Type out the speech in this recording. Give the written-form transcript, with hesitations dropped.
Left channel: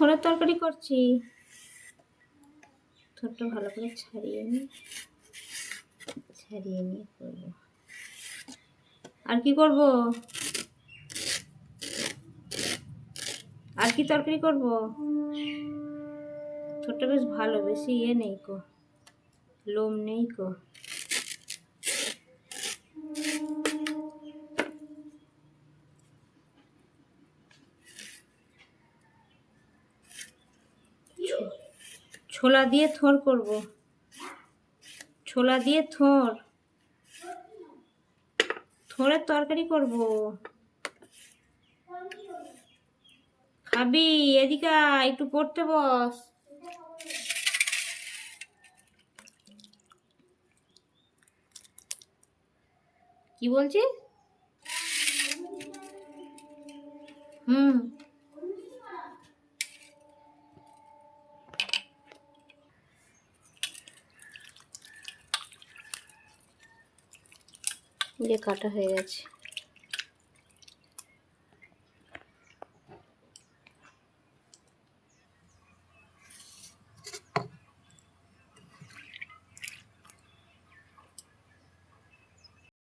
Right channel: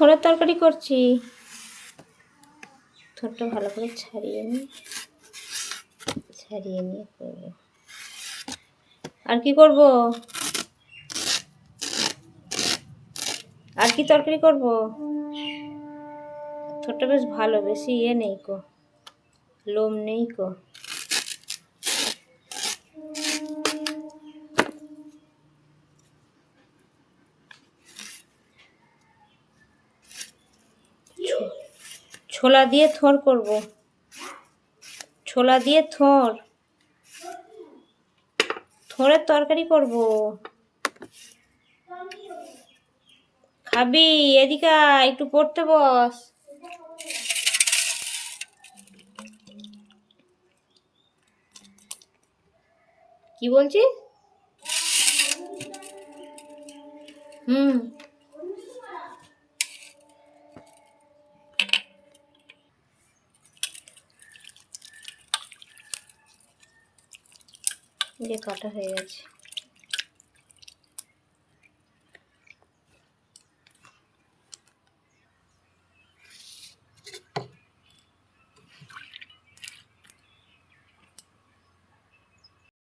থোড়ের তরকারি করছি। থোড়টা ভালো করে ছাড়িয়ে নিয়ে করবো। আর কি করব? আর কি তরকারি করব? থোড়টা বেশ ভালো, বেশি নেই কো, লোম নেই কো। ছোলা দিয়ে থোড় করব। ছোলা দিয়ে থোড়ের তরকারি করব। খাবি? এদিকে একটু পড়তে বস। কি বলছিস? কাটা হয়ে গেছে।